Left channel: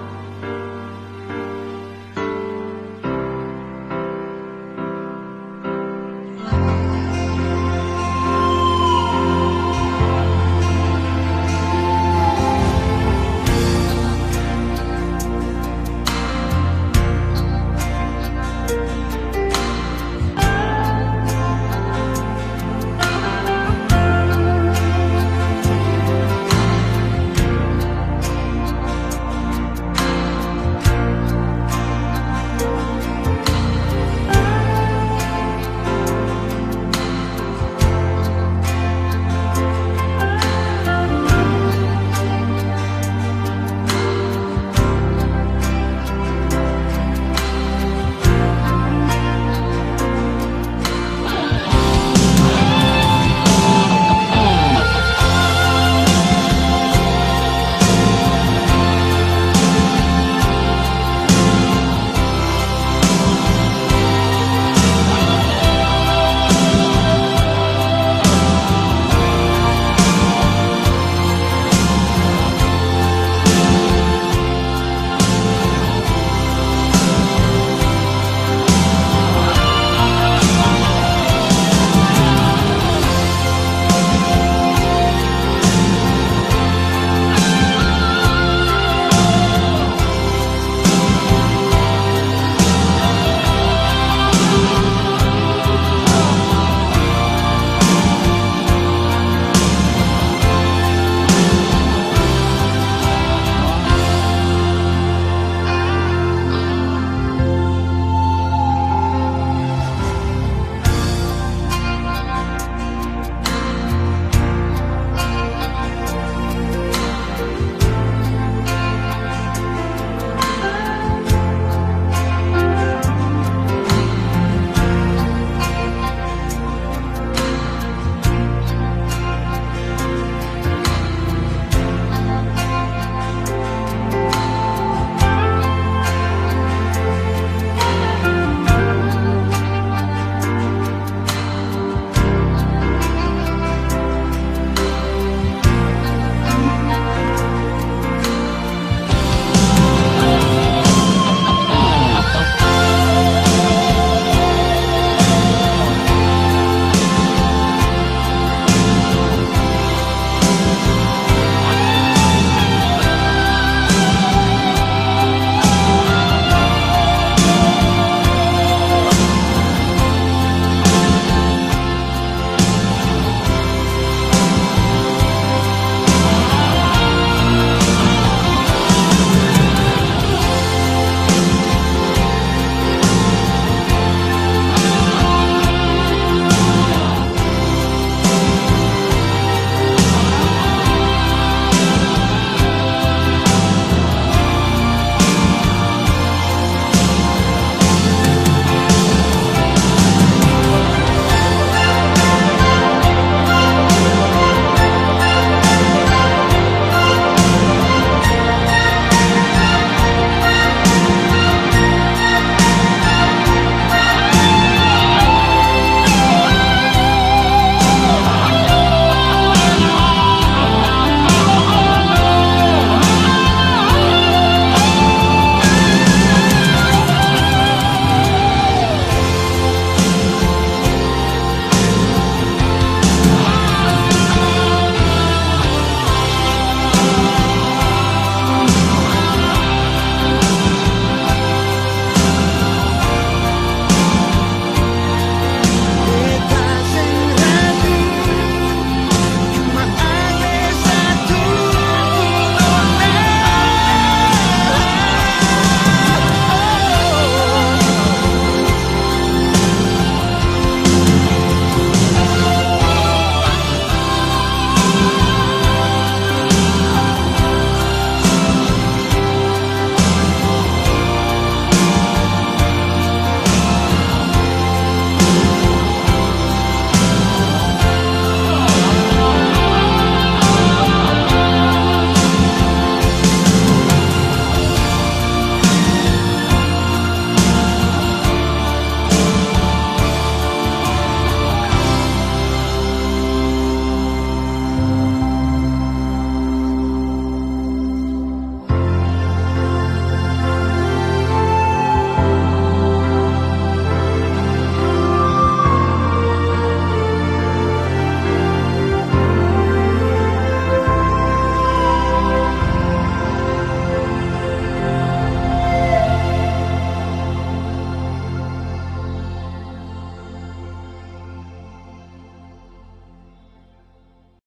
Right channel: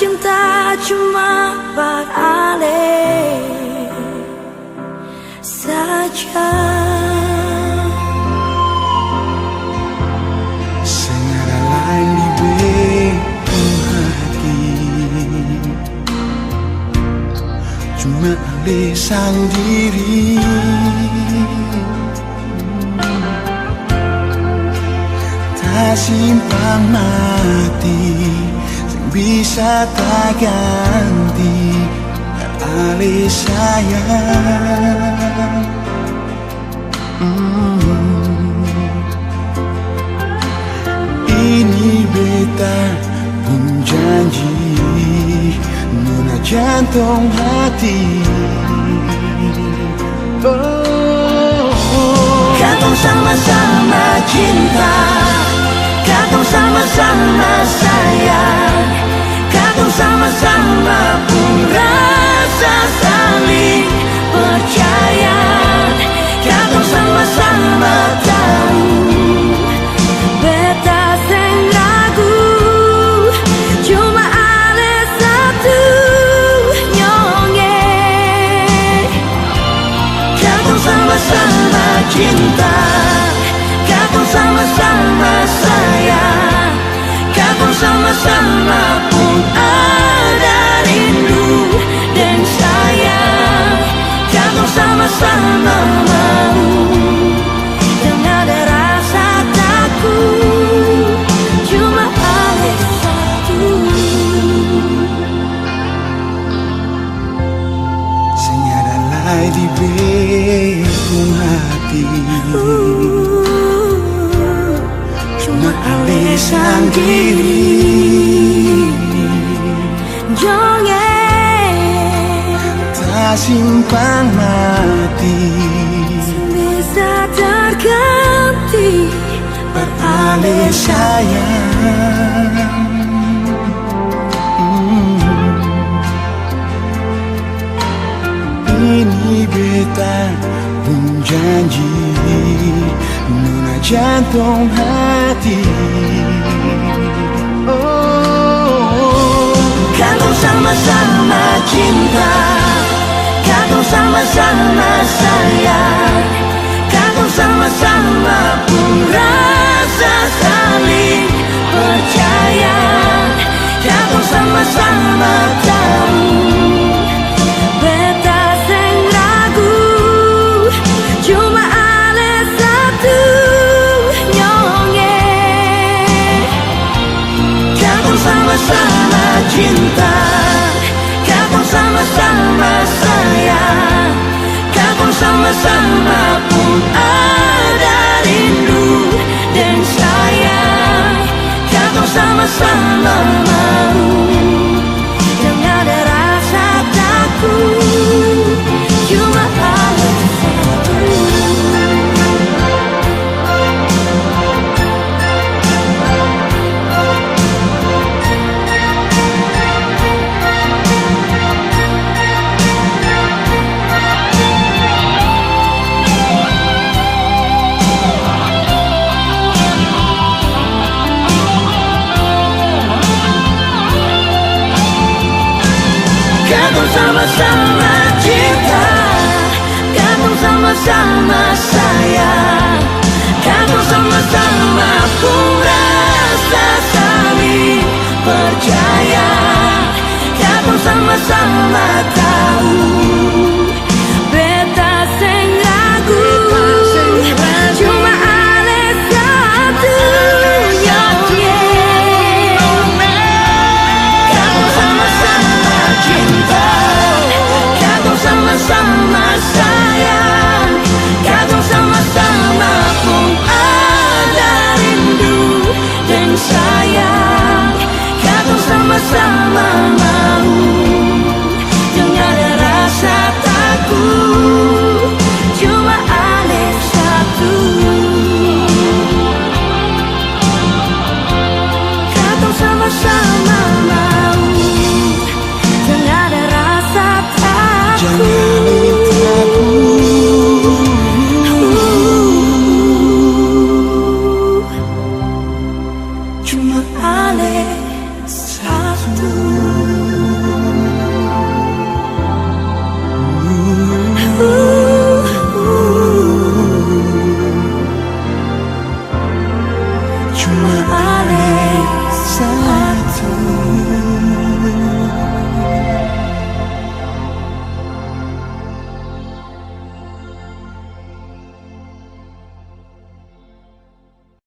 cinta cuma beralih saja. Senada lain di beku hati, cuma alih sang diri. Tak simpang mati, bisa tak ganti alih sayang. Ini beta pun janji, nona jantung hati. Katong sama-sama cinta, katong sama-sama sayang, katong sama-sama pun rasa saling percaya, katong sama-sama tahu beta seng ragu, cuma ada satu nyongeng. Katong sama-sama cinta, katong sama-sama sayang, katong sama-sama pun ada rindu dan sayang, katong sama-sama mau yang ada rasa takut, cuma ada satu. Senada lai di beku hati, Cuma alih sang diri jongeng tak simpang mati, bisa terganti beralih sayang. Ini beta pun janji, nona jantung hati.